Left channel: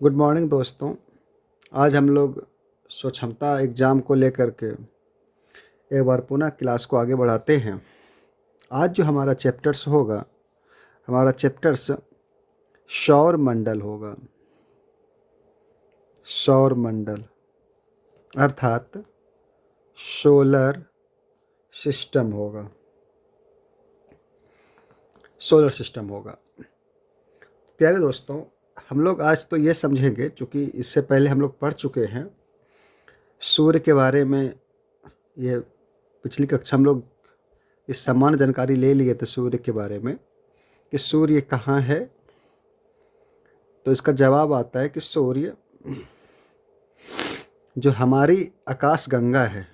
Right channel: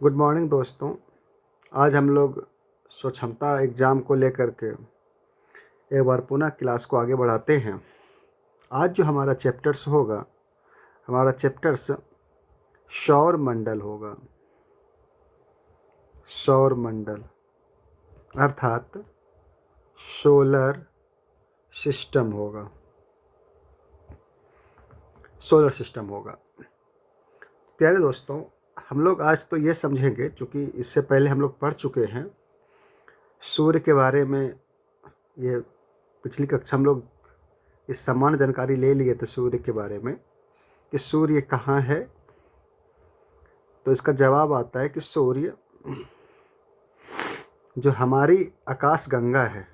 Good morning दोस्तों। आज हम लोग स्वक्षमता एग्ज़ाम को लेकर के एक बार पुनः क्लास को आगे बढ़ाते हैं। आज जो हमारा चैप्टर्स होगा, हमारा चैप्टर्स सौर मंडल होगा। सौर मंडल अर्थात सोलर सिस्टम होगा। सोलर सिस्टम होगा। प्यारे दोस्तों, हम लोग आज तो ये समझेंगे, चूँकि इससे पहले हम लोग पढ़ चुके हैं सूर्य के बारे में। ये पिछली कक्षा हम लोग इस सामान्य जानकारी ले लिए थे सूर्य के बारे में कि सूर्य कहाँ है। तो इसका जवाब आता है कि सूर्य जो हमारी आकाश गंगा है,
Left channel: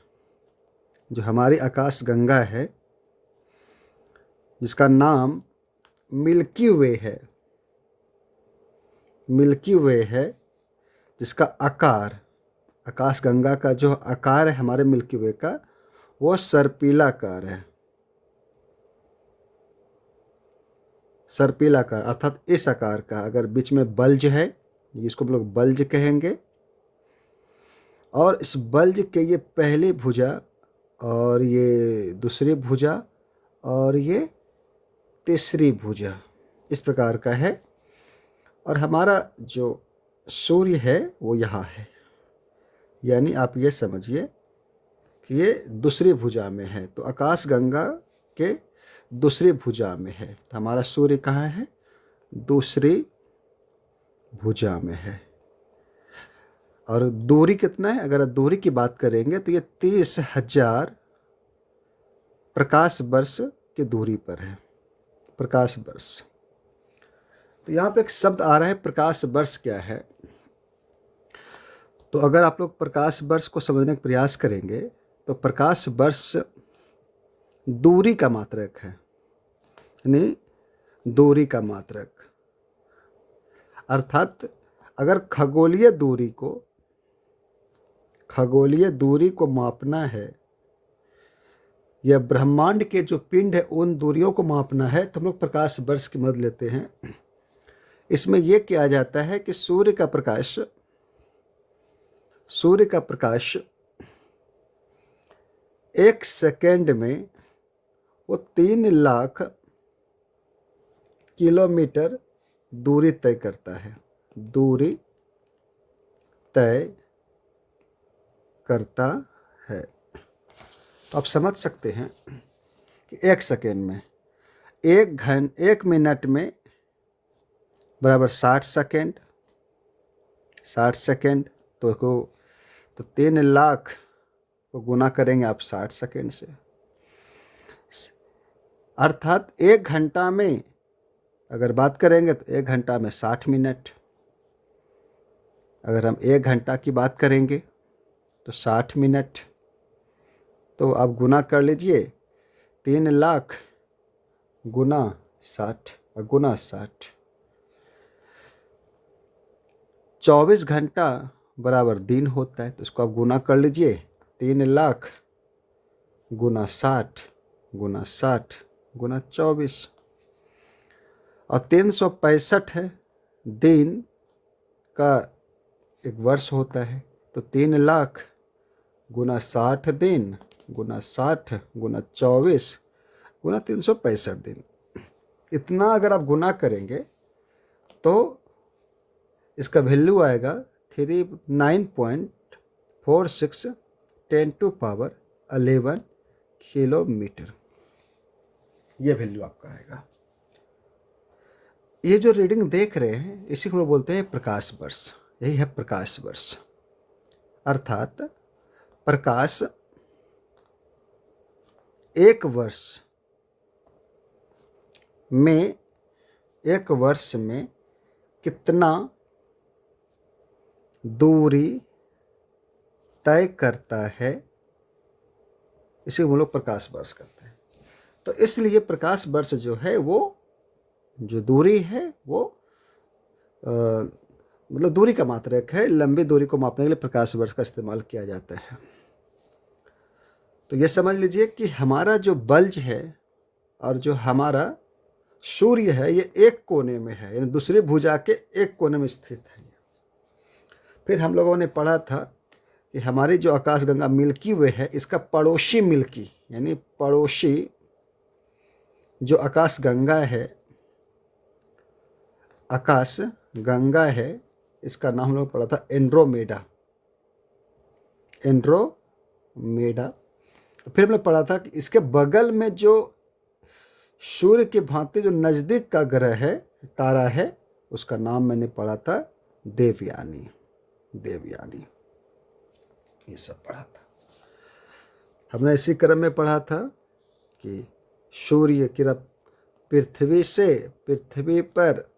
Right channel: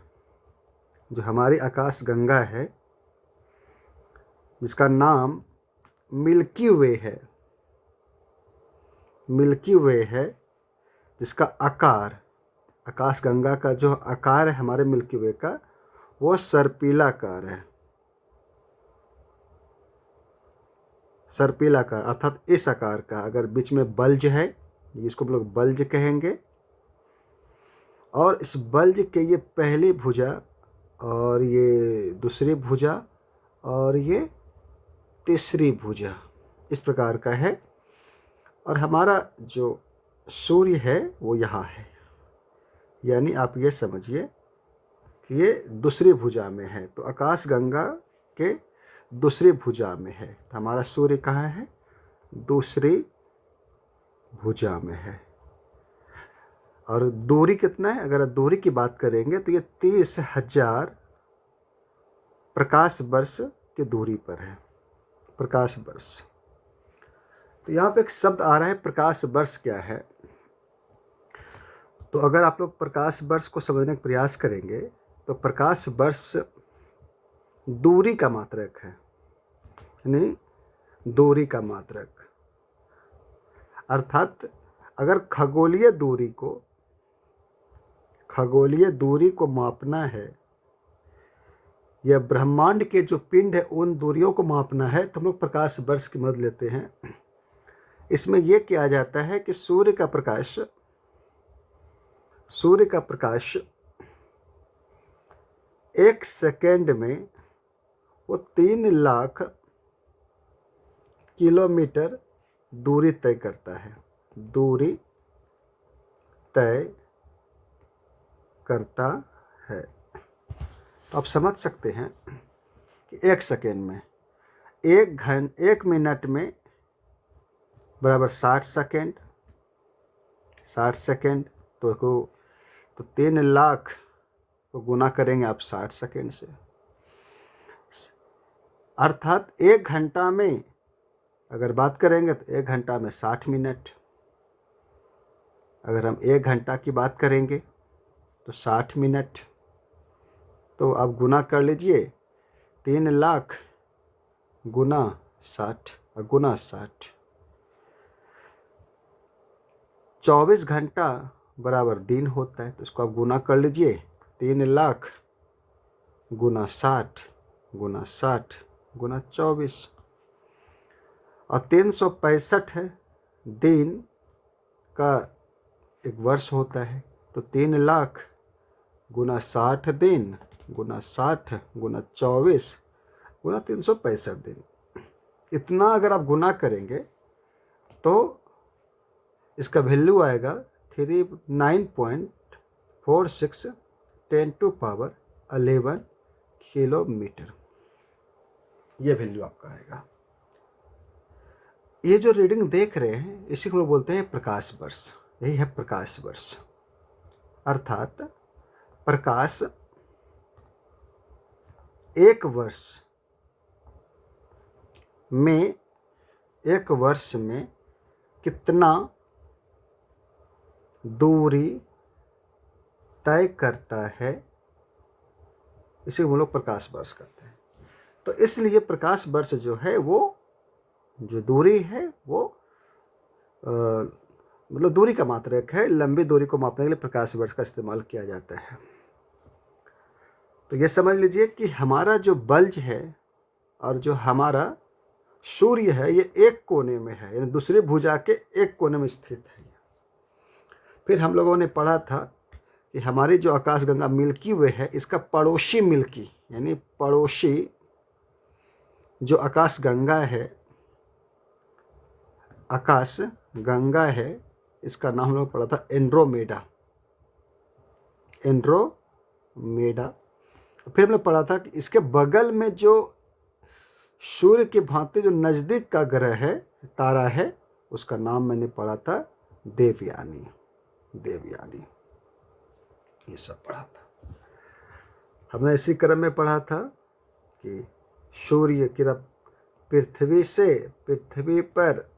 जो हमारी आकाश गंगा है, जिसका नाम मिल्की वे है, मिल्की वे है, जिसका आकार, आकाश गंगा का जो आकार है हमारे मिल्की वे का, वो सर्पिला आकार है। सर्पिला आकार अर्थात इस आकार का। अगर बीच में बल्ज है, जिसको हम लोग बल्ज कहेंगे, और इस बल्ज के ये पहली भुजा और ये दूसरी भुजा और ये तीसरी भुजा इस प्रकार का है। और हमारा जो सूर्य है वो यहाँ है, यानी आप ये समझिए कि ये दूसरी भुजा में है। तो आकाश गंगा के दूसरी भुजा में है। तो हमारा सूर्य कहाँ है? दूसरी भुजा में है। और दूरी कितना है? अगर दूरी की बात करेंगे तो ये 30,000 प्रकाश वर्ष की दूरी पर है। प्रकाश वर्ष। तो यहाँ पे एक शब्द आ रहा है, प्रकाश वर्ष क्या है? तो अगर आप लोग प्रकाश वर्ष को समझने का प्रयास करेंगे तो प्रकाश वर्ष दूरी का मात्रक है, यानी दूरी का मात्रक। अर्थात अगर खगोलीय दूरी को मापना है, या ब्रह्मांड के जो पिंड है उन दूरियों को मापना है, तो हम लोग प्रकाश वर्ष की मदद लेते हैं। इसमें यह किया जाता है कि सूर्य का प्रकाश 1 सेकेंड में वो 3 लाख किलोमीटर दूरी तय करता है। दूरी तय करता है। तो आप समझ सकते हैं कि 1 सेकेंड में, 1 मिनट में बराबर 60 सेकेंड। 60 सेकेंड तो 3 लाख को गुना करेंगे आप 60 सेकेंड से, अर्थात 1 घंटा में अगर बात करेंगे तो 1 घंटा में 60 मिनट। अगर हम 1 घंटा की बात करेंगे तो 60 मिनट। तो आप गुना कर लीजिए, 3 लाख गुना 60 और गुना 60। 24 घंटा बराबर दिन होता है। तो इसको आप गुना कर लीजिए, 3 लाख गुना 60 गुना 60 गुना 24, और 365 है दिन का एक वर्ष होता है। तो 3 लाख गुना 60 दिन गुना 60 गुना 24 गुना 365 दिन। इतना अगर आप गुना करेंगे तो इसका वैल्यू आएगा 39.46 10⁻11 किलोमीटर। ये वैल्यू आपका आएगा। ये जो रीडिंग देख रहे हैं इसी को बोलते हैं प्रकाश वर्ष। यही है प्रकाश वर्ष। अर्थात प्रकाश 1 वर्ष में कितना दूरी तय करता है, इसे हम लोग प्रकाश वर्ष करते हैं। तो इसलिए प्रकाश वर्ष जो है वो जो दूरी है वो मतलब दूरी का मात्रक है। लंबी दूरी को मापने के लिए प्रकाश वर्ष का इस्तेमाल किया जाता है। तो ये समझ लीजिए कि हमारा जो बल्ज है और जो हमारा सूर्य है ये एक कोने में है, यानी दूसरी भुजा के एक कोने में स्थित है। फिर हम लोगों ने पढ़ा था कि हमारी जो आकाशगंगा मिल्की वे है, इसका पड़ोसी मिल्की यानी पड़ोसी जो आकाशगंगा है, आकाश गंगा है, इसका नाम हम लोग पढ़ा था एंड्रोमेडा। एंड्रोमेडा। फिर हमने पढ़ा था कि इसके बगल में जो सूर्य के भांति जो नज़दीक का ग्रह है, तारा है, उसका नाम मैंने पढ़ा था देवयानी। देवयानी ये सब पढ़ा था हमने। इसी क्रम में पढ़ा था कि सूर्य की पृथ्वी पर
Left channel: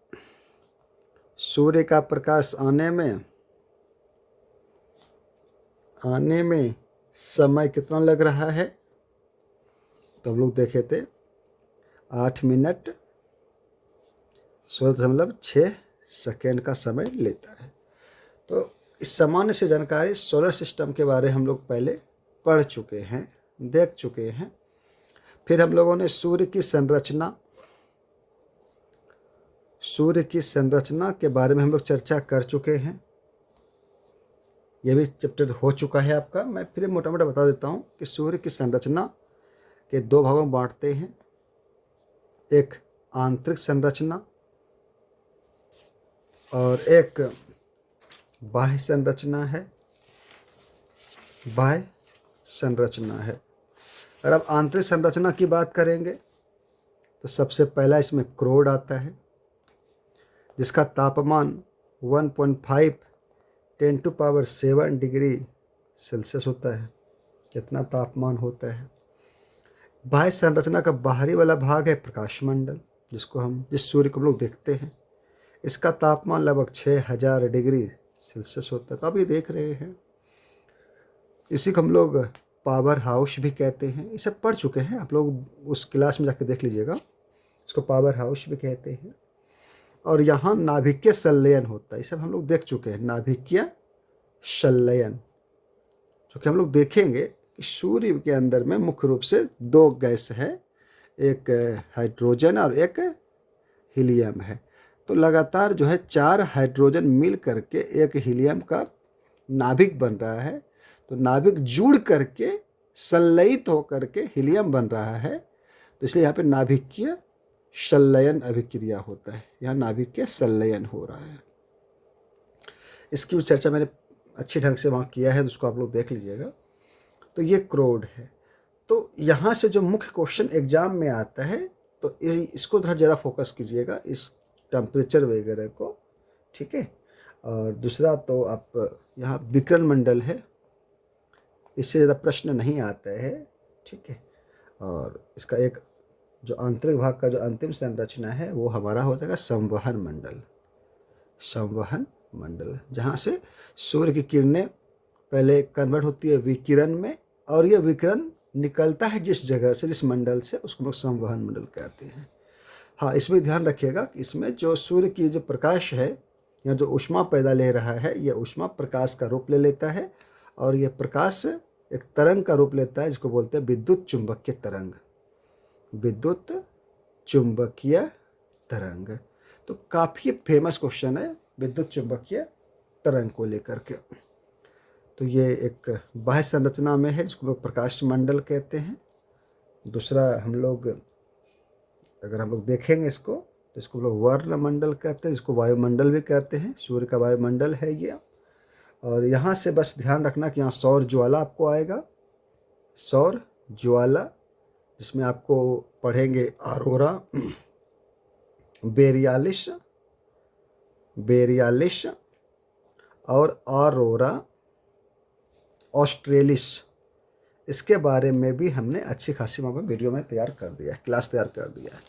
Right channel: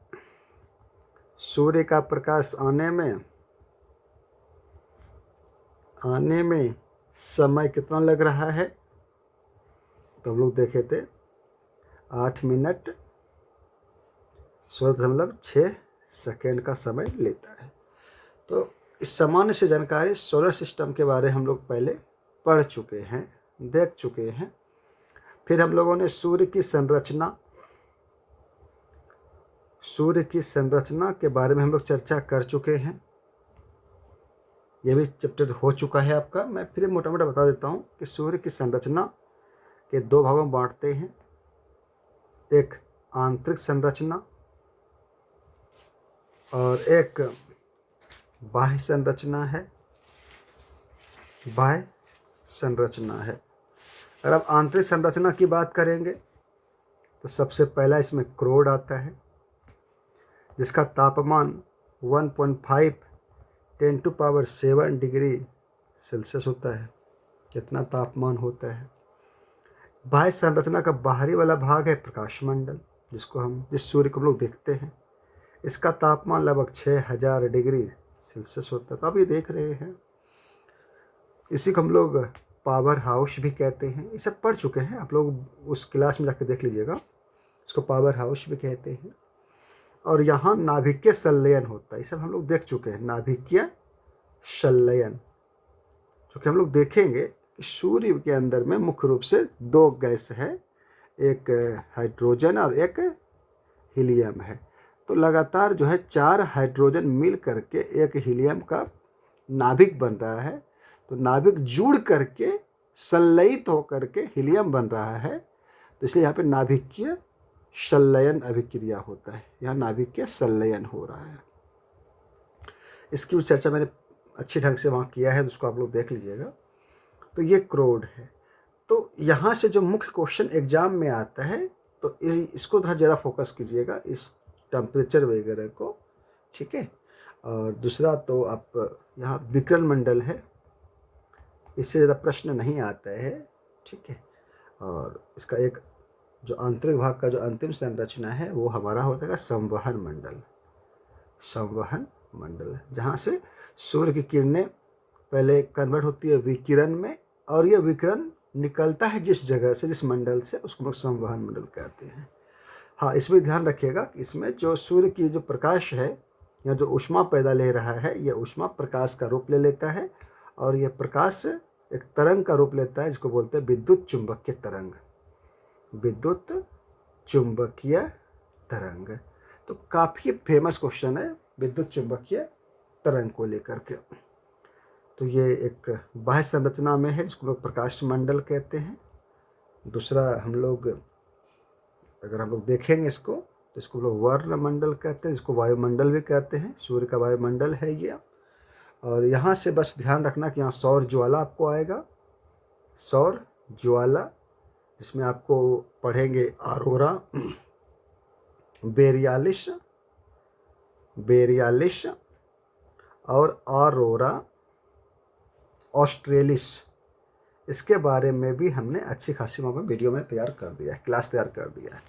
सूर्य का प्रकाश आने में समय कितना लग रहा है, तो हम लोग देखे थे 8 मिनट 16.6 का समय लेता है। तो इस सामान्य से जानकारी सोलर सिस्टम के बारे हम लोग पहले पढ़ चुके हैं, देख चुके हैं। फिर हम लोगों ने सूर्य की संरचना के बारे में हम लोग चर्चा कर चुके हैं। यह भी चैप्टर हो चुका है आपका। मैं फिर मोटा मोटा बता देता हूँ कि सूर्य की संरचना के 2 भागों में बांटते हैं। एक आंतरिक संरचना और एक बाह्य संरचना है। बाह्य संरचना है। अगर आप आंतरिक संरचना की बात करेंगे तो सबसे पहला इसमें क्रोड आता है, जिसका तापमान 1.5 10⁻7 डिग्री सेल्सियस होता है। कितना तापमान होता है। बाह्य संरचना का बाहरी वाला भाग है प्रकाश मंडल, जिस सूर्य को हम लोग देखते हैं। इसका तापमान लगभग 6000 डिग्री सेल्सियस होता है। तो आप ये देख रहे हैं, इसी को हम लोग पावर हाउस भी कहते हैं। ये सब पढ़ चुके हैं आप लोग, उस क्लास में जाकर देख लीजिएगा। इसको पावर हाउस भी कहते हैं। और यहाँ नाभिकीय संलयन होता है, ये सब हम लोग देख चुके हैं। नाभिकीय संलयन, जो कि हम लोग देखेंगे कि सूर्य के अंदर में मुख्य रूप से 2 गैस है, एक हाइड्रोजन और एक हीलियम है। तो लगातार जो है 4 हाइड्रोजन मिल करके एक हीलियम का नाभिक बन रहा है। तो नाभिक जुड़ करके संलयित होकर के हीलियम बन रहा है। तो इसलिए यहाँ पे नाभिकीय संलयन अभिक्रिया होता है। यहाँ नाभिकीय संलयन हो रहा है। इसकी भी चर्चा मैंने अच्छी ढंग से वहाँ किया है, तो उसको आप लोग देख लीजिएगा। तो ये क्रोड है। तो यहाँ से जो मुख्य क्वेश्चन एग्जाम में आता है, तो इसको थोड़ा ज़्यादा फोकस कीजिएगा, इस टेम्परेचर वगैरह को, ठीक है। और दूसरा तो आप यहाँ विकिरण मंडल है, इससे ज़्यादा प्रश्न नहीं आता है, ठीक है। और इसका एक जो आंतरिक भाग का जो अंतिम संरचना है वो हमारा हो जाएगा संवहन मंडल। संवहन मंडल, जहाँ से सूर्य की किरणें पहले कन्वर्ट होती है विकिरण में, और ये विकिरण निकलता है जिस जगह से, जिस मंडल से, उसको हम संवहन मंडल कहते हैं। हाँ, इसमें ध्यान रखिएगा कि इसमें जो सूर्य की जो प्रकाश है या जो ऊष्मा पैदा ले रहा है, यह ऊष्मा प्रकाश का रूप ले लेता है। और यह प्रकाश एक तरंग का रूप लेता है, जिसको बोलते हैं विद्युत चुंबकीय तरंग। विद्युत चुंबकीय तरंग। तो काफ़ी फेमस क्वेश्चन है विद्युत चुंबकीय तरंग को लेकर के। तो ये एक बाह्य संरचना में है, जिसको लोग प्रकाश मंडल कहते हैं। दूसरा अगर हम लोग देखेंगे इसको, तो इसको लोग वर्ण मंडल कहते हैं, जिसको वायुमंडल भी कहते हैं। सूर्य का वायुमंडल है ये। और यहाँ से बस ध्यान रखना कि यहाँ सौर ज्वाला आपको आएगा। सौर ज्वाला, जिसमें आपको पढ़ेंगे ऑरोरा बोरियालिस और ऑरोरा ऑस्ट्रेलिस। इसके बारे में भी हमने अच्छी खासी वीडियो में तैयार कर दिया है, क्लास तैयार कर दिया है।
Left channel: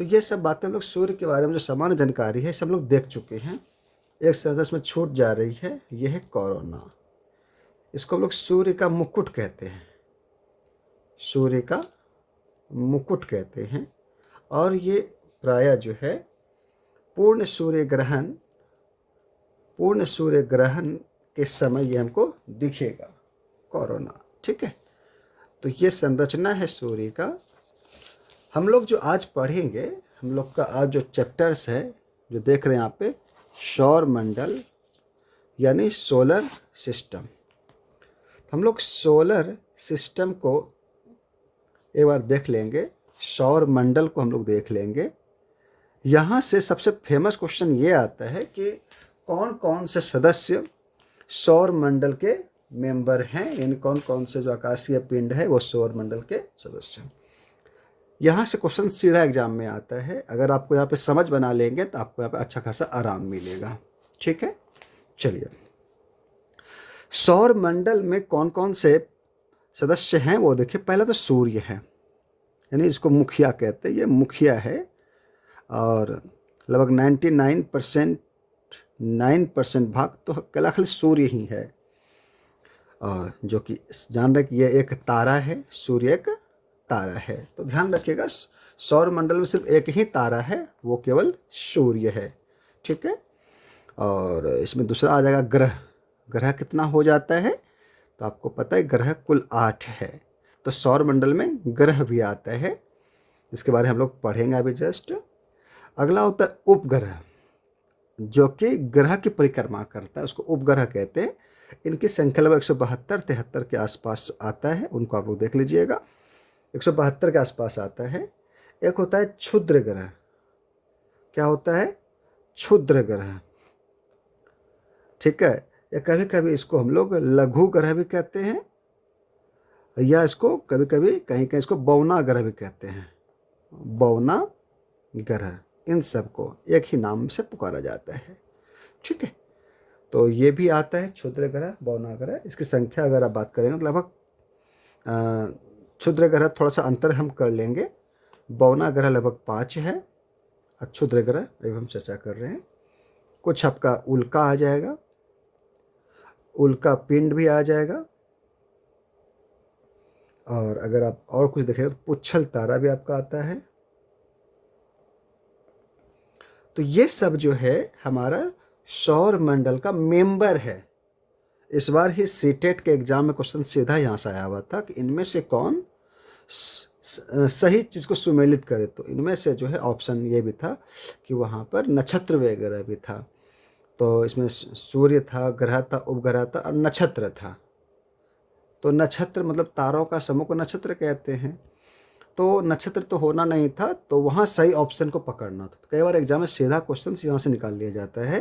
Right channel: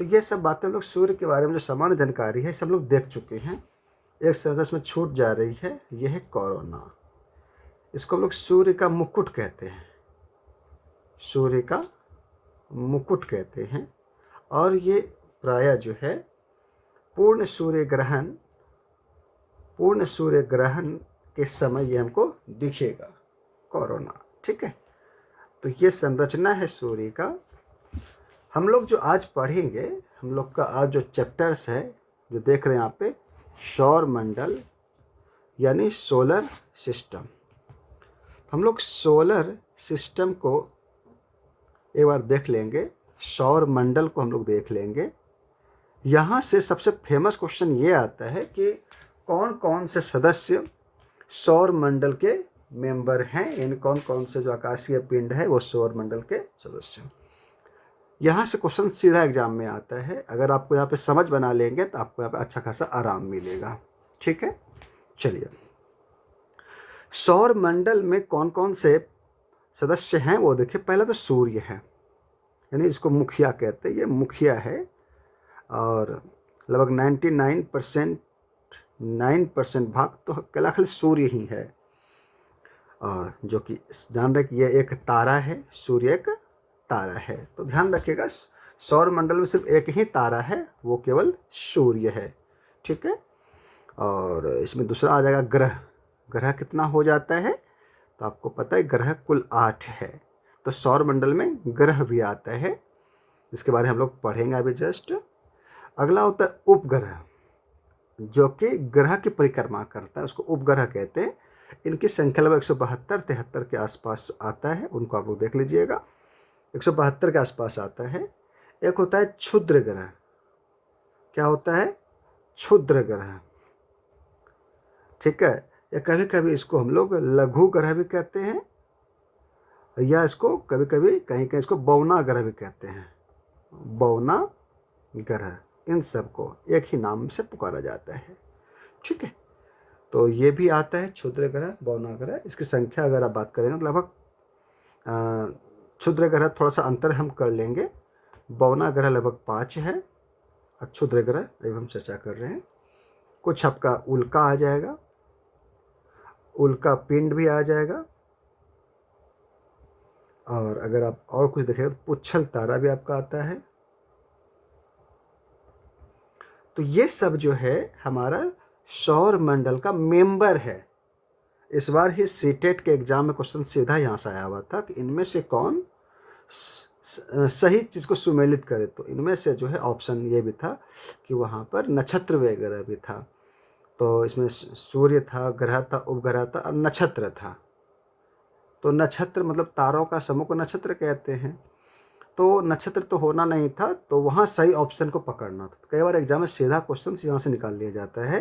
तो ये सब बातें हम लोग सूर्य के बारे में जो सामान्य जानकारी है सब लोग देख चुके हैं। एक सदस्य में छूट जा रही है, यह है कोरोना। इसको हम लोग सूर्य का मुकुट कहते हैं। सूर्य का मुकुट कहते हैं। और ये प्रायः जो है पूर्ण सूर्य ग्रहण के समय ये हमको दिखेगा, कोरोना, ठीक है। तो ये संरचना है सूर्य का। हम लोग जो आज पढ़ेंगे, हम लोग का आज जो चैप्टर्स है जो देख रहे हैं यहाँ पे, सौर मंडल, यानी सोलर सिस्टम। हम लोग सोलर सिस्टम को एक बार देख लेंगे, सौर मंडल को हम लोग देख लेंगे। यहाँ से सबसे फेमस क्वेश्चन ये आता है कि कौन कौन से सदस्य सौर मंडल के मेंबर हैं, यानी कौन कौन से जो आकाशीय पिंड है वो सौर मंडल के सदस्य हैं। यहाँ से क्वेश्चन सीधा एग्जाम में आता है। अगर आपको यहाँ पे समझ बना लेंगे तो आपको यहाँ पे अच्छा खासा आराम मिलेगा। ठीक है, चलिए, सौर मंडल में कौन कौन से सदस्य हैं वो देखिए। पहला तो सूर्य है, यानी इसको मुखिया कहते हैं, ये मुखिया है। और लगभग 99% भाग तो केवल खाली सूर्य ही है, जो कि जान रहे कि यह एक तारा है, सूर्य एक तारा है। तो ध्यान रखिएगा, सौर मंडल में सिर्फ एक ही तारा है, वो केवल सूर्य है। ठीक है, और इसमें दूसरा आ जाएगा ग्रह। ग्रह कितना हो जाता है तो आपको पता है, ग्रह कुल 8 है। तो सौर मंडल में ग्रह भी आता है, इसके बारे में हम लोग पढ़ेंगे अभी जस्ट। अगला होता है उपग्रह, जो कि ग्रह की परिक्रमा करता है, उसको उपग्रह कहते हैं। इनकी संख्या लगभग 172-73 के आसपास आता है, उनको आप लोग देख लीजिएगा। 172 के आसपास आता है। एक होता है क्षुद्र ग्रह। क्या होता है? क्षुद्र ग्रह। ठीक है, या कभी कभी इसको हम लोग लघु ग्रह भी कहते हैं, या इसको कभी कभी कहीं कहीं इसको बौना ग्रह भी कहते हैं। बौना ग्रह, इन सबको एक ही नाम से पुकारा जाता है। ठीक है, तो ये भी आता है क्षुद्र ग्रह, बौना ग्रह। इसकी संख्या अगर आप बात करेंगे तो लगभग क्षुद्र ग्रह थोड़ा सा अंतर हम कर लेंगे। बौना ग्रह लगभग 5 है, और क्षुद्र ग्रह अभी हम चर्चा कर रहे हैं। कुछ आपका उल्का आ जाएगा, उल्का पिंड भी आ जाएगा। और अगर आप और कुछ देखें तो पुच्छल तारा भी आपका आता है। तो ये सब जो है हमारा सौर मंडल का मेंबर है। इस बार ही सीटेट के एग्जाम में क्वेश्चन सीधा यहाँ से आया हुआ था कि इनमें से कौन सही चीज़ को सुमेलित करे। तो इनमें से जो है ऑप्शन ये भी था कि वहाँ पर नक्षत्र वगैरह भी था। तो इसमें सूर्य था, ग्रह था, उपग्रह था और नक्षत्र था। तो नक्षत्र मतलब तारों का समूह को नक्षत्र कहते हैं। तो नक्षत्र तो होना नहीं था, तो वहाँ सही ऑप्शन को पकड़ना था। कई बार एग्जाम में सीधा क्वेश्चन यहाँ से निकाल लिया जाता है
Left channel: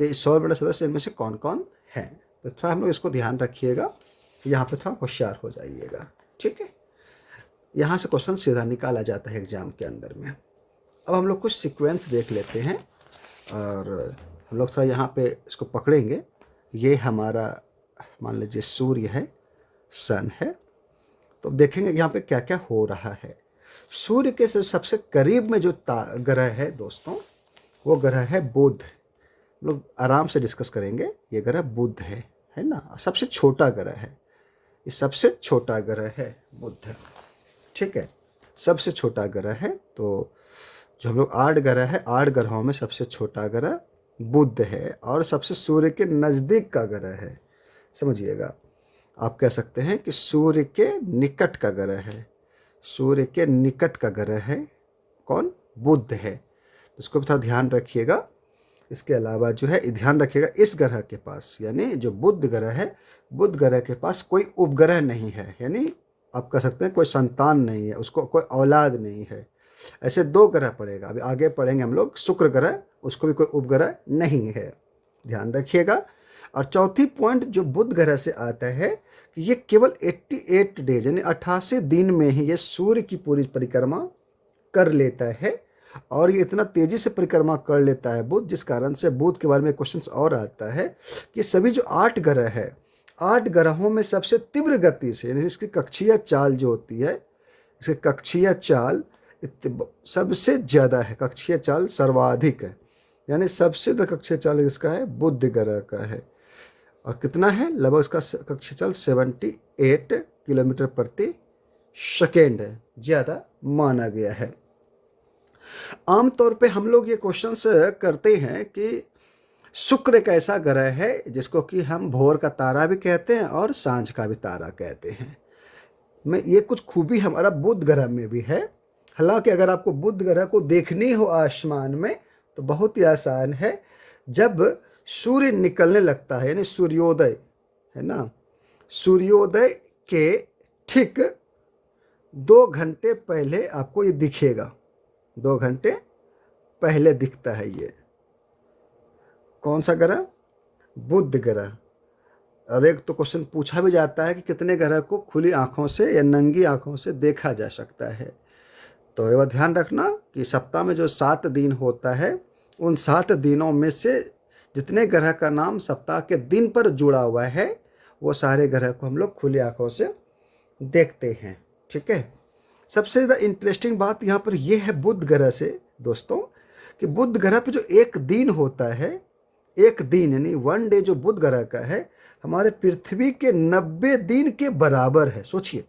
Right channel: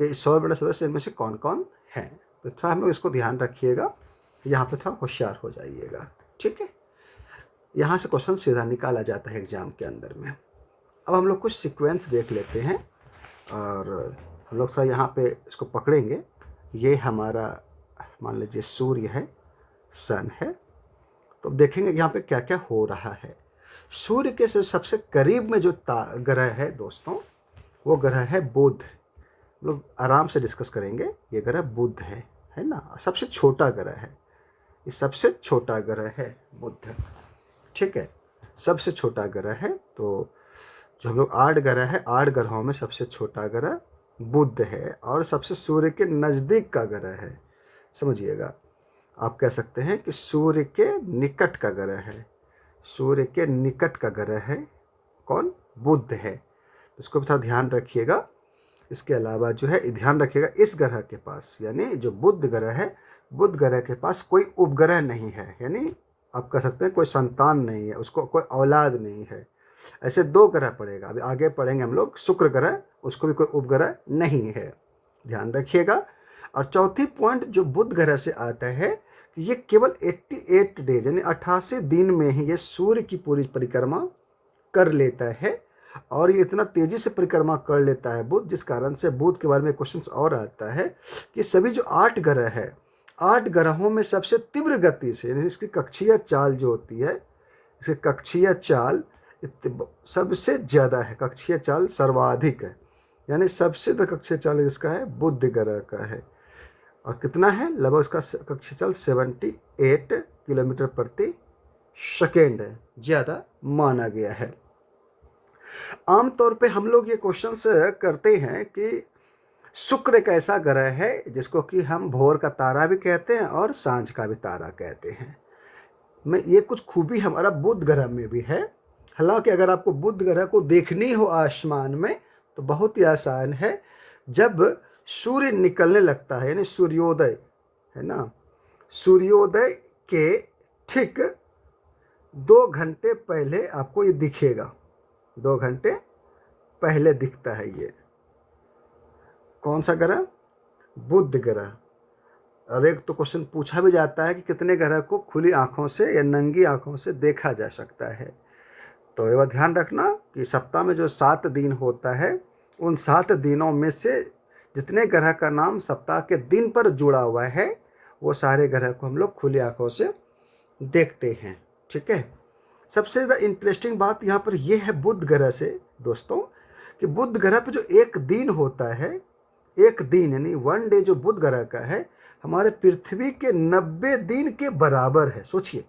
कि सौर मंडल सदस्य इनमें से कौन कौन है। तो थोड़ा हम लोग इसको ध्यान रखिएगा, यहाँ पे थोड़ा होशियार हो जाइएगा। ठीक है, यहाँ से क्वेश्चन सीधा निकाला जाता है एग्जाम के अंदर में। अब हम लोग कुछ सीक्वेंस देख लेते हैं, और हम लोग थोड़ा यहाँ पे इसको पकड़ेंगे। ये हमारा मान लीजिए सूर्य है, सन है। तो देखेंगे यहाँ पे क्या क्या हो रहा है। सूर्य के सबसे करीब में जो ग्रह है दोस्तों, वो ग्रह है बुध। लोग आराम से डिस्कस करेंगे। ये ग्रह बुध है ना, सबसे छोटा ग्रह है। ये सबसे छोटा ग्रह है बुध। ठीक है, सबसे छोटा ग्रह है। तो जो हम लोग 8 ग्रह है, 8 ग्रहों में सबसे छोटा ग्रह बुध है, और सबसे सूर्य के नज़दीक का ग्रह है। समझिएगा, आप कह सकते हैं कि सूर्य के निकट का ग्रह है। सूर्य के निकट का ग्रह है कौन? बुध है। इसको भी थोड़ा ध्यान रखिएगा। इसके अलावा जो है ध्यान रखिएगा, इस ग्रह के पास यानी जो बुध ग्रह है, बुध ग्रह के पास कोई उपग्रह नहीं है, यानी आप कह सकते हैं कोई संतान नहीं है, उसको कोई औलाद नहीं है। ऐसे 2 ग्रह पड़ेगा। अभी आगे पढ़ेंगे हम लोग शुक्र ग्रह, उसको भी कोई उपग्रह नहीं है, ध्यान रखिएगा। और चौथी पॉइंट जो बुध ग्रह से आता है कि ये केवल 88 डेज यानी 88 दिन में ही ये सूर्य की पूरी परिक्रमा कर लेता है। और ये इतना तेज़ी से परिक्रमा कर लेता है बुध, जिस कारण से बुध के बारे में क्वेश्चन और आता है कि सभी जो 8 ग्रह है, 8 ग्रहों में सबसे तीव्र गति से, यानी इसकी कक्षीय चाल जो होती है, इसकी कक्षीय चाल सबसे ज़्यादा है, कक्षीय चाल सर्वाधिक है, यानी सबसे ज़्यादा कक्षीय चाल इसका है बुध ग्रह का है। और कितना है? लगभग इसका कक्षीय चाल 78 किलोमीटर प्रति सेकेंड है, ज़्यादा माना गया है। आमतौर पे हम लोग ये क्वेश्चंस करते हैं कि शुक्र एक ऐसा ग्रह है जिसको कि हम भोर का तारा भी कहते हैं और सांझ का भी तारा कहते हैं। में ये कुछ खूबी हमारा बुध ग्रह में भी है। हालांकि अगर आपको बुध ग्रह को देखनी हो आसमान में तो बहुत ही आसान है। जब सूर्य निकलने लगता है, यानी सूर्योदय, है ना, सूर्योदय के ठीक 2 घंटे पहले आपको ये दिखेगा। 2 घंटे पहले दिखता है ये। कौन सा ग्रह? बुध ग्रह। और एक तो क्वेश्चन पूछा भी जाता है कि कितने ग्रह को खुली आंखों से या नंगी आंखों से देखा जा सकता है। तो ये बात ध्यान रखना कि सप्ताह में जो 7 दिन होता है, उन 7 दिनों में से जितने ग्रह का नाम सप्ताह के दिन पर जुड़ा हुआ है, वो सारे ग्रह को हम लोग खुली आंखों से देखते हैं। ठीक है। सबसे ज़्यादा इंटरेस्टिंग बात यहाँ पर यह है बुध ग्रह से दोस्तों, कि बुध ग्रह पे जो एक दिन होता है, एक दिन यानी 1 डे जो बुध ग्रह का है, हमारे पृथ्वी के 90 दिन के बराबर है। सोचिए,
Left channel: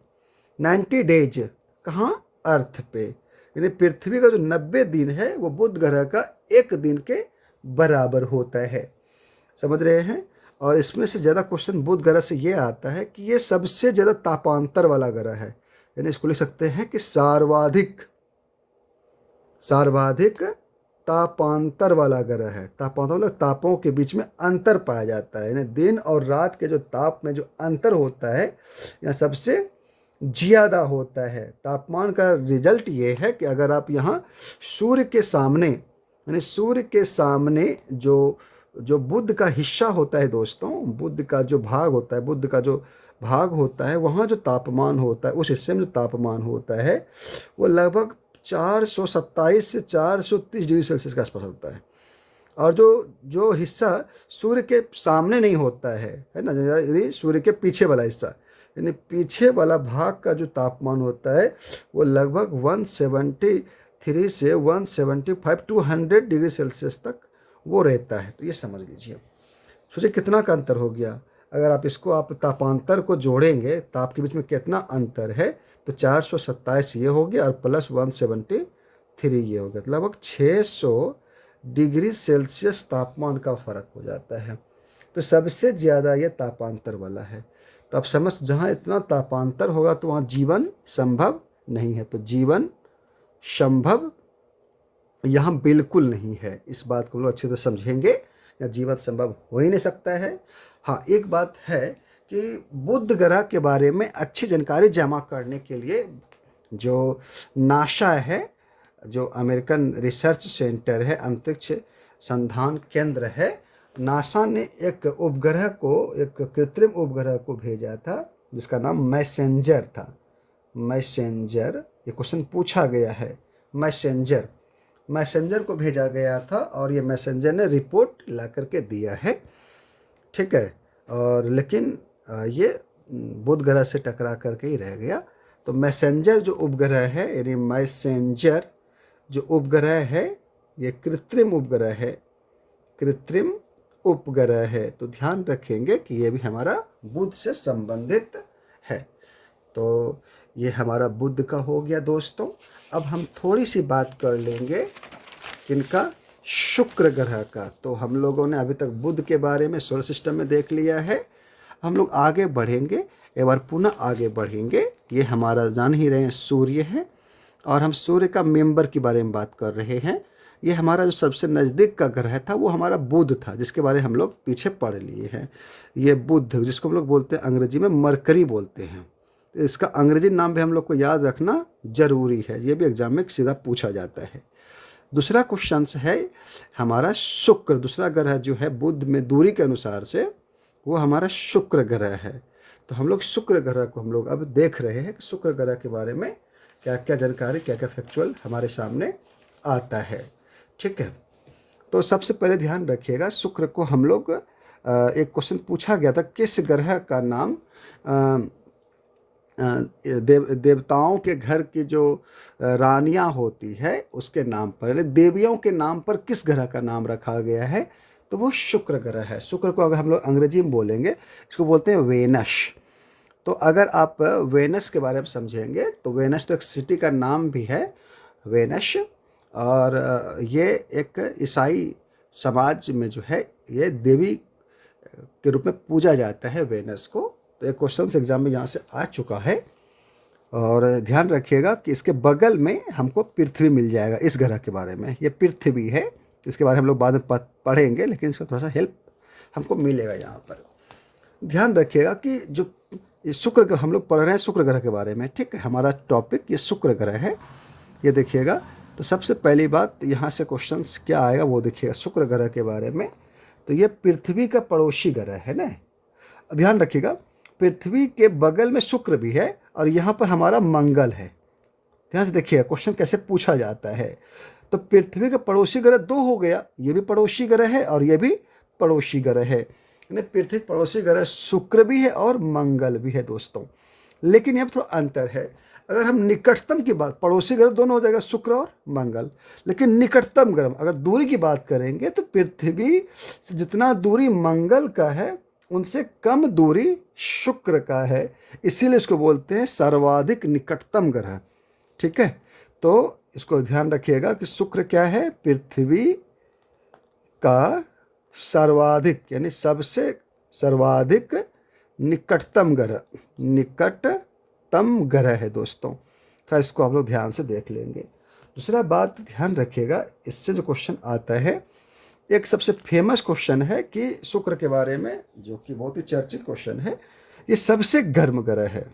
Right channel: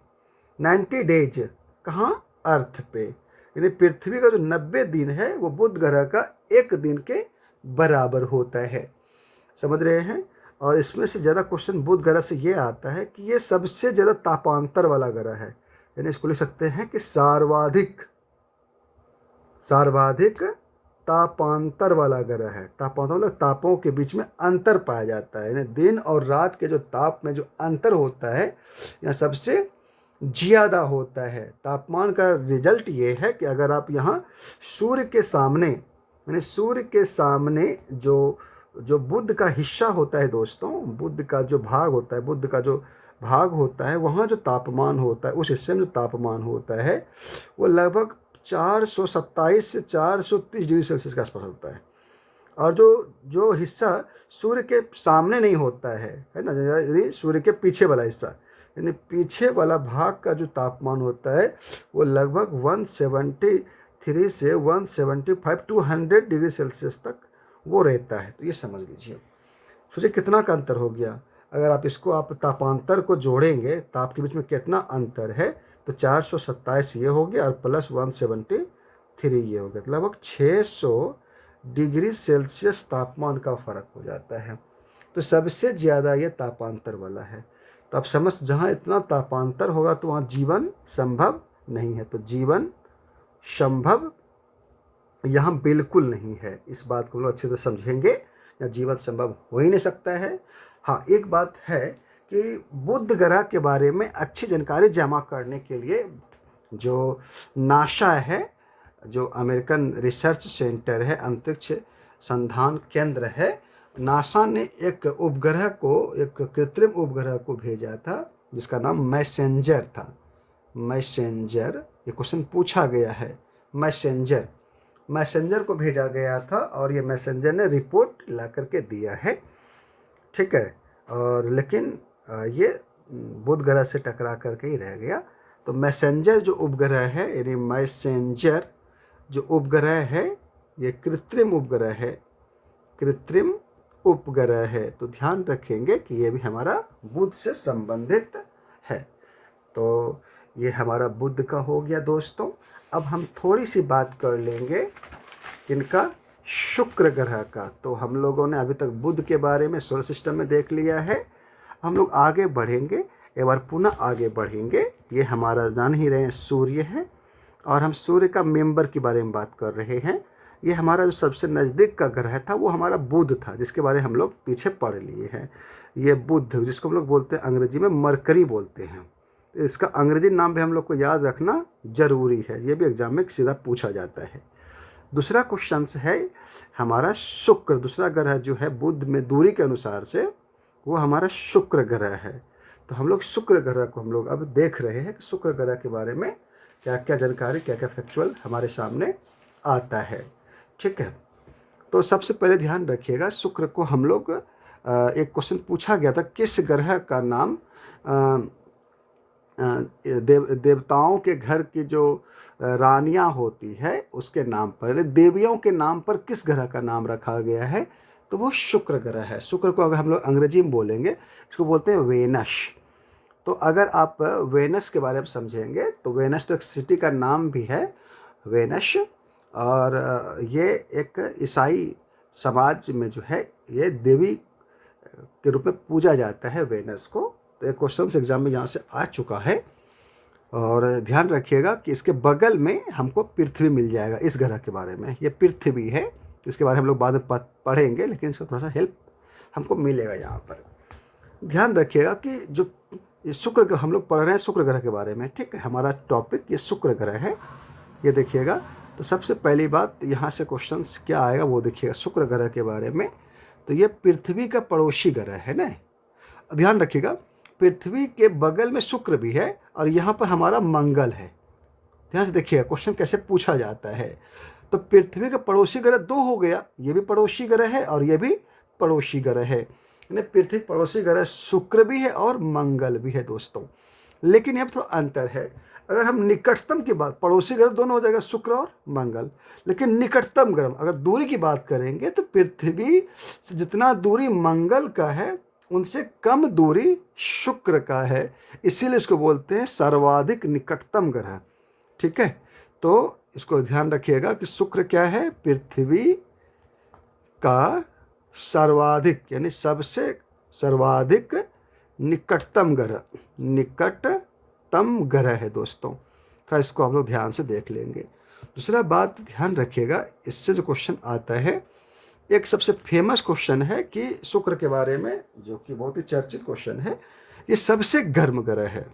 90 डेज कहाँ? अर्थ पे। यानी पृथ्वी का जो 90 दिन है वो बुध ग्रह का एक दिन के बराबर होता है। समझ रहे हैं? और इसमें से ज़्यादा क्वेश्चन बुध ग्रह से ये आता है कि ये सबसे ज़्यादा तापांतर वाला ग्रह है। यानी इसको लिख सकते हैं कि सर्वाधिक तापांतर वाला ग्रह है। तापांतर मतलब तापों के बीच में अंतर पाया जाता है, यानी दिन और रात के जो ताप में जो अंतर होता है यहाँ सबसे ज़्यादा होता है। तापमान का रिजल्ट ये है कि अगर आप यहाँ सूर्य के सामने, यानी सूर्य के सामने जो जो बुध का हिस्सा होता है दोस्तों, बुध का जो भाग होता है, बुध का जो भाग होता है, वहाँ जो तापमान होता है, उस हिस्से में जो तापमान होता है वो लगभग 427 से 430 डिग्री सेल्सियस के आसपास होता है। और जो जो हिस्सा सूर्य के सामने नहीं होता है ना, यानी सूर्य के पीछे वाला हिस्सा, यानी पीछे वाला भाग का जो तापमान होता है वो लगभग 173 से 175 टू 100 डिग्री सेल्सियस तक वो रहता है। तो ये समझ लीजिए, सोचिए कितना का अंतर हो गया। अगर आप इसको आप तापांतर को जोड़ेंगे, ताप के बीच में कितना अंतर है, तो 427 ये हो गया और प्लस 173 ये हो गया, तो लगभग 600 डिग्री सेल्सियस तापमान का फर्क हो जाता है। तो सबसे ज़्यादा ये तापांतर वाला है। तो आप समझ, जहाँ इतना तापांतर होगा तो वहाँ जीवन संभव नहीं है। तो जीवन संभव यहाँ बिल्कुल नहीं है। इस बात को हम लोग अच्छे से समझेंगे, या जीवन संभव हो ही नहीं सकता है। हाँ, एक बात है कि बुध ग्रह के बारे में अच्छी जानकारी जमा करने के लिए जो नासा है, जो अमेरिकन रिसर्च सेंटर है, अंतरिक्ष संधान केंद्र है, नासा ने एक उपग्रह को, एक कृत्रिम उपग्रह को भेजा था जिसका नाम मैसेंजर था। मैसेंजर, ये क्वेश्चन पूछा गया है। मैसेंजर को भेजा गया था और ये मैसेंजर ने रिपोर्ट ला करके दिया है। ठीक है। और लेकिन ये बुध ग्रह से टकरा करके ही रह गया। तो मैसेंजर जो उपग्रह है, यानी मैसेंजर जो उपग्रह है, ये कृत्रिम उपग्रह है, कृत्रिम उपग्रह है। तो ध्यान रखेंगे कि ये भी हमारा बुध से संबंधित है। तो ये हमारा बुध का हो गया दोस्तों। अब हम थोड़ी सी बात कर लेंगे इनका शुक्र ग्रह का। तो हम लोगों ने अभी तक बुध के बारे में सोलर सिस्टम में देख लिया है। हम लोग आगे बढ़ेंगे, एक बार पुनः आगे बढ़ेंगे। ये हमारा जान ही रहे हैं सूर्य है, और हम सूर्य का मेंबर के बारे में बात कर रहे हैं। ये हमारा जो सबसे नज़दीक का ग्रह था वो हमारा बुध था, जिसके बारे में हम लोग पीछे पढ़ लिए हैं। ये बुध, जिसको हम लोग बोलते हैं अंग्रेजी में मरकरी बोलते हैं। इसका अंग्रेजी नाम भी हम लोग को याद रखना जरूरी है, ये भी एग्जाम में सीधा पूछा जाता है। दूसरा क्वेश्चन है हमारा शुक्र। दूसरा ग्रह जो है बुध में दूरी के अनुसार से वो हमारा शुक्र ग्रह है। तो हम लोग शुक्र ग्रह को हम लोग अब देख रहे हैं कि शुक्र ग्रह के बारे में क्या क्या जानकारी, क्या क्या फैक्चुअल हमारे सामने आता है। ठीक है। तो सबसे पहले ध्यान रखिएगा, शुक्र को हम लोग एक क्वेश्चन पूछा गया था, किस ग्रह का नाम देवताओं के घर की जो रानियां होती है उसके नाम पर, देवियों के नाम पर किस ग्रह का नाम रखा गया है, तो वो शुक्र ग्रह है। शुक्र को अगर हम लोग अंग्रेजी में बोलेंगे, इसको बोलते हैं वेनस। तो अगर आप वेनस के बारे में समझेंगे तो वेनस तो एक सिटी का नाम भी है, वेनस। और ये एक ईसाई समाज में जो है ये देवी के रूप में पूजा जाता है वेनस को। तो एक क्वेश्चन एग्जाम में यहाँ से आ चुका है। और ध्यान रखिएगा कि इसके बगल में हमको पृथ्वी मिल जाएगा। इस ग्रह के बारे में, ये पृथ्वी है, इसके बारे में हम लोग बाद में पढ़ेंगे, लेकिन इसको थोड़ा सा हेल्प हमको मिलेगा यहाँ पर। ध्यान रखिएगा कि जो ये शुक्र ग्रह हम लोग पढ़ रहे हैं, शुक्र ग्रह के बारे में, ठीक है। हमारा टॉपिक ये शुक्र ग्रह है। ये देखिएगा, तो सबसे पहली बात यहाँ से क्वेश्चंस क्या आएगा वो देखिएगा शुक्र ग्रह के बारे में। तो ये पृथ्वी का पड़ोसी ग्रह है ना। ध्यान रखिएगा, पृथ्वी के बगल में शुक्र भी है और यहाँ पर हमारा मंगल है। ध्यान से देखिएगा क्वेश्चन कैसे पूछा जाता है। तो पृथ्वी का पड़ोसी ग्रह दो हो गया, ये भी पड़ोसी ग्रह है और ये भी पड़ोसी ग्रह है। यानी पृथ्वी पड़ोसी ग्रह शुक्र भी है और मंगल भी है दोस्तों। लेकिन यहाँ थोड़ा अंतर है। अगर हम निकटतम की बात, पड़ोसी ग्रह दोनों हो जाएगा शुक्र और मंगल, लेकिन निकटतम ग्रह अगर दूरी की बात करेंगे तो पृथ्वी से जितना दूरी मंगल का है उनसे कम दूरी शुक्र का है। इसीलिए इसको बोलते हैं सर्वाधिक निकटतम ग्रह, ठीक है। तो इसको ध्यान रखिएगा कि शुक्र क्या है, पृथ्वी का सर्वाधिक यानी सबसे सर्वाधिक निकटतम ग्रह, निकटतम ग्रह है दोस्तों। तो इसको आप लोग ध्यान से देख लेंगे। दूसरा बात ध्यान रखिएगा, इससे जो क्वेश्चन आता है, एक सबसे फेमस क्वेश्चन है कि शुक्र के बारे में, जो कि बहुत ही चर्चित क्वेश्चन है, ये सबसे गर्म ग्रह है।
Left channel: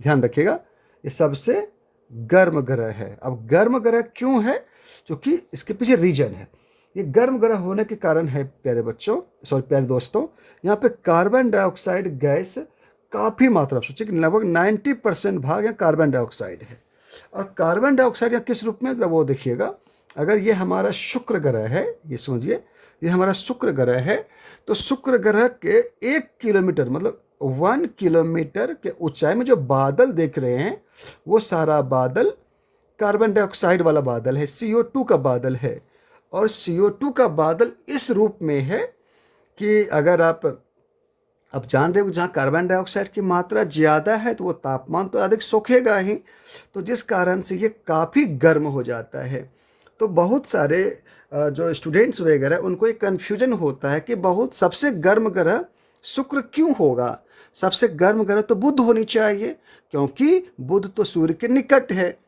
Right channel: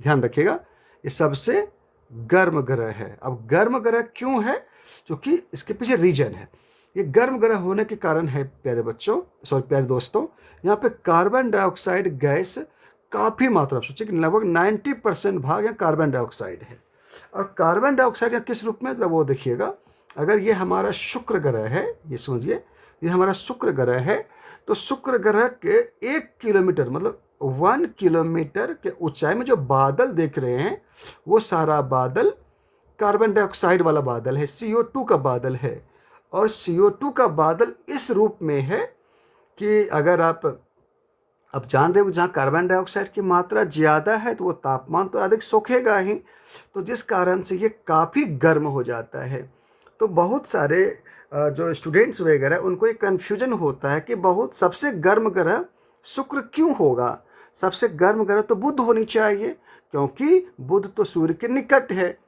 ध्यान रखिएगा, ये सबसे गर्म ग्रह है। अब गर्म ग्रह क्यों है, क्योंकि इसके पीछे रीजन है। ये गर्म ग्रह होने के कारण है प्यारे बच्चों, प्यारे दोस्तों, यहाँ पे कार्बन डाइऑक्साइड गैस काफ़ी मात्रा, सोचिए कि लगभग 90% भाग यहाँ कार्बन डाइऑक्साइड है। और कार्बन डाइऑक्साइड यहाँ किस रूप में, वो देखिएगा, अगर ये हमारा शुक्र ग्रह है, ये समझिए ये हमारा शुक्र ग्रह है, तो शुक्र ग्रह के 1 किलोमीटर मतलब 1 किलोमीटर के ऊंचाई में जो बादल देख रहे हैं वो सारा बादल कार्बन डाइऑक्साइड वाला बादल है, CO2 का बादल है। और CO2 का बादल इस रूप में है कि अगर आप जान रहे हो जहाँ कार्बन डाइऑक्साइड की मात्रा ज़्यादा है तो वो तापमान तो अधिक सोखेगा ही, तो जिस कारण से ये काफ़ी गर्म हो जाता है। तो बहुत सारे जो स्टूडेंट्स वगैरह उनको एक कन्फ्यूजन होता है कि बहुत सबसे गर्म ग्रह शुक्र क्यों होगा, सबसे गर्म ग्रह तो बुध होनी चाहिए, क्योंकि बुध तो सूर्य के निकट है,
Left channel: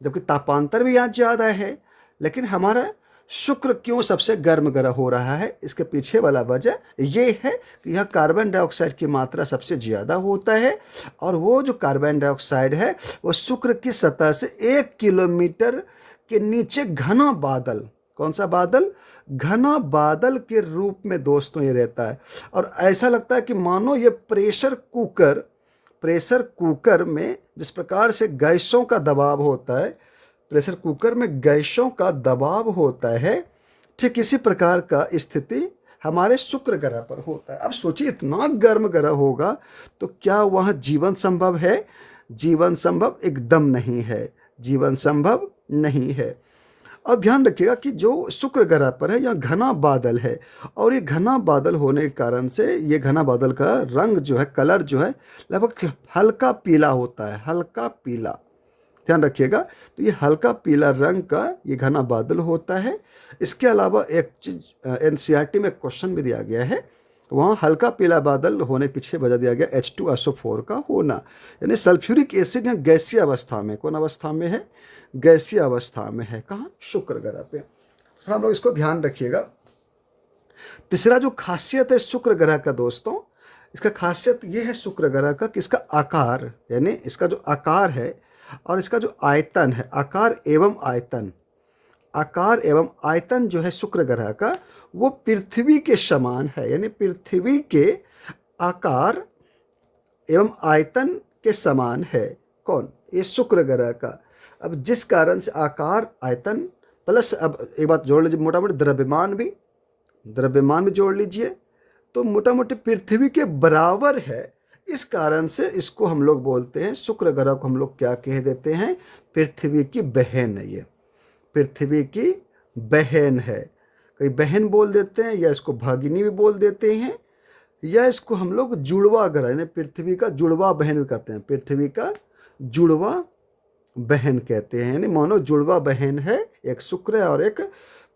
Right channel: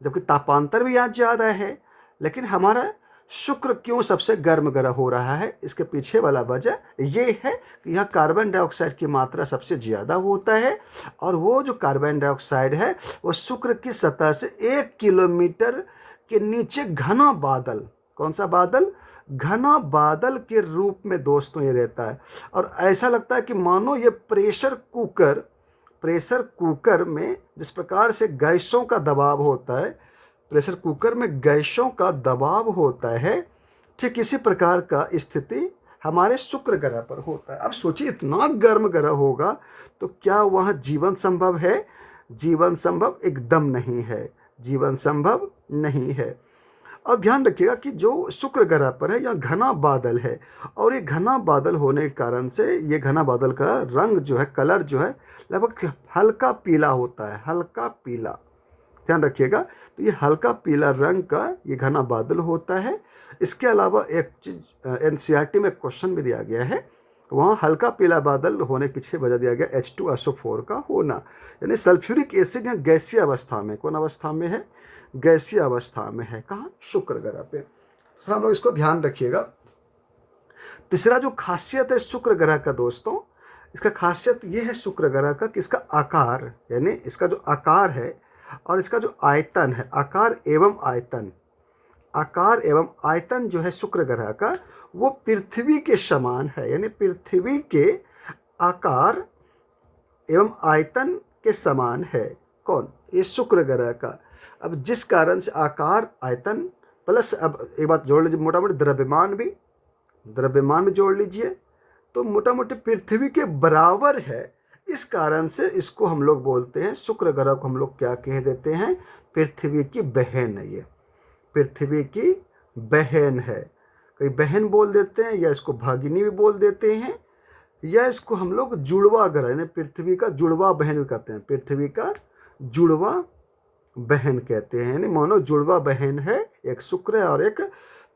जबकि तापांतर भी यहाँ ज़्यादा है। लेकिन हमारा शुक्र क्यों सबसे गर्म ग्रह हो रहा है, इसके पीछे वाला वजह ये है कि यहाँ कार्बन डाइऑक्साइड की मात्रा सबसे ज़्यादा होता है। और वो जो कार्बन डाइऑक्साइड है वो शुक्र की सतह से 1 किलोमीटर के नीचे घना बादल, कौन सा बादल, घना बादल के रूप में दोस्तों ये रहता है। और ऐसा लगता है कि मानो ये प्रेशर कुकर में जिस प्रकार से गैसों का दबाव होता है, प्रेशर कुकर में गैसों का दबाव होता है, ठीक इसी प्रकार का स्थिति हमारे शुक्र ग्रह पर होता है। अब सोचिए इतना गर्म ग्रह होगा तो क्या वहाँ जीवन संभव है, जीवन संभव एकदम नहीं है, जीवन संभव नहीं है। अब ध्यान रखिएगा कि जो शुक्र ग्रह पर है यहाँ घना बादल है, और ये घना बादल होने के कारण से ये घना बादल का रंग जो है, कलर जो है, लगभग हल्का पीला होता है, हल्का पीला। ध्यान रखिएगा, तो ये हल्का पीला रंग का ये घना बादल होता है। इसके अलावा एक चीज़ NCERT में क्वेश्चन भी दिया गया है, वहाँ हल्का पीला बादल होने के पीछे वजह दिया गया H2SO4 का होना, यानी सल्फ्यूरिक एसिड यहाँ गैसीय अवस्था में, कौन अवस्था में है, गैसीय अवस्था में है, कहाँ, शुक्र ग्रह पे। तो हम लोग इसको ध्यान रखिएगा। तीसरा जो खासियत है शुक्र ग्रह का दोस्तों, इसका खासियत ये है शुक्र ग्रह का कि इसका आकार, यानी इसका जो आकार है और इसका जो आयतन है, आकार एवं आयतन जो है शुक्र ग्रह का वो पृथ्वी के समान है, यानी पृथ्वी के आकार एवं आयतन के समान है। कौन, ये शुक्र ग्रह का। अब जिस कारण से आकार, आयतन प्लस, अब एक बात जोड़ लीजिए, मोटा मोटी द्रव्यमान भी जोड़ लीजिए, तो मोटा मोटी पृथ्वी के बराबर है। इस कारण से इसको हम लोग बोलते हैं, शुक्र ग्रह को हम लोग क्या कह देते हैं, पृथ्वी की बहन है। ये पृथ्वी की बहन है, कई बहन बोल देते हैं, या इसको भगिनी भी बोल देते हैं, या इसको हम लोग जुड़वा ग्रह यानी पृथ्वी का जुड़वा बहन भी कहते हैं, पृथ्वी का जुड़वा बहन कहते हैं, यानी मानो जुड़वा बहन है, एक शुक्र है और एक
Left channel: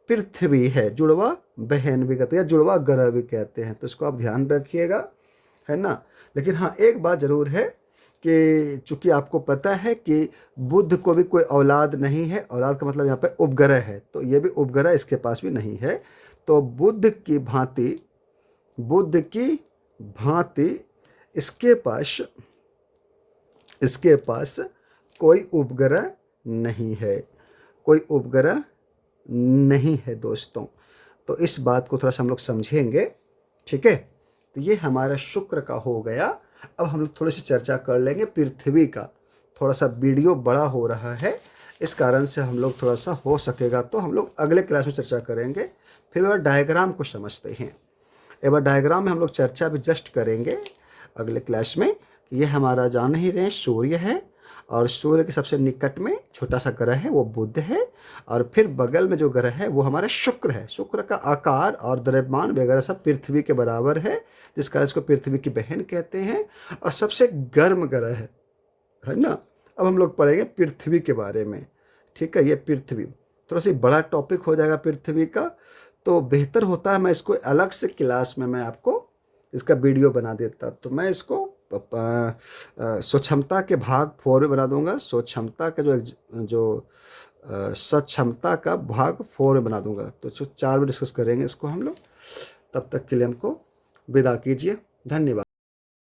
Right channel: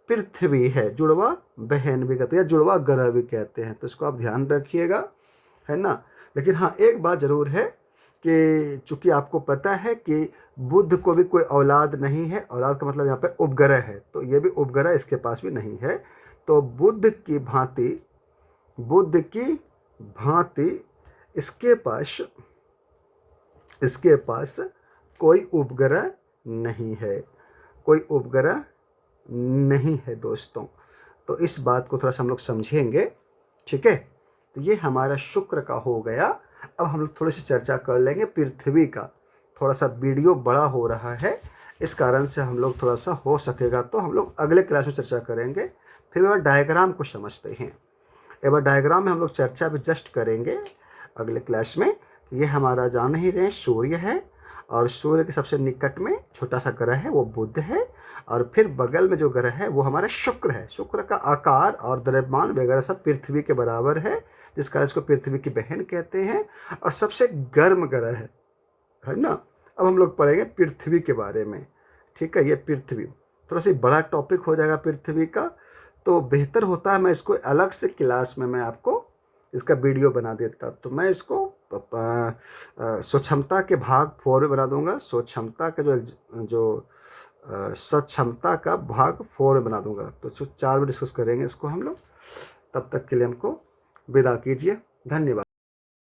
पृथ्वी है, जुड़वा बहन भी कहते हैं, जुड़वा ग्रह भी कहते हैं। तो इसको आप ध्यान रखिएगा, है ना। लेकिन हाँ, एक बात ज़रूर है कि चूंकि आपको पता है कि बुध को भी कोई औलाद नहीं है, औलाद का मतलब यहाँ पे उपग्रह है, तो ये भी उपग्रह इसके पास भी नहीं है। तो बुध की भांति बुध की भांति इसके पास कोई उपग्रह नहीं है, कोई उपग्रह नहीं है दोस्तों। तो इस बात को थोड़ा सा हम लोग समझेंगे, ठीक है। तो ये हमारा शुक्र का हो गया। अब हम लोग थोड़ी सी चर्चा कर लेंगे पृथ्वी का। थोड़ा सा वीडियो बड़ा हो रहा है, इस कारण से हम लोग थोड़ा सा हो सकेगा तो हम लोग अगले क्लास में चर्चा करेंगे। फिर एक बार डायग्राम को समझते हैं। एक बार डायग्राम में हम लोग चर्चा भी जस्ट करेंगे अगले क्लास में। ये हमारा जान ही रहे सूर्य है, और सूर्य के सबसे निकट में छोटा सा ग्रह है वो बुध है, और फिर बगल में जो ग्रह है वो हमारा शुक्र है। शुक्र का आकार और द्रव्यमान वगैरह सब पृथ्वी के बराबर है, जिस कारण इसको पृथ्वी की बहन कहते हैं, और सबसे गर्म ग्रह है ना। अब हम लोग पढ़ेंगे पृथ्वी के बारे में, ठीक है। ये पृथ्वी थोड़ा सा बड़ा टॉपिक हो जाएगा पृथ्वी का, तो बेहतर होता है मैं इसको अलग से क्लास में मैं आपको इसका वीडियो बना देता। तो मैं इसको स्वक्षमता के भाग 4 में बना दूंगा। स्वक्षमता का जो सक्षमता का भाग 4 में बना दूंगा। तो 4 में डिस्कस करेंगे इसको हम लोग। तब तक के लिए हमको विदा कीजिए, धन्यवाद।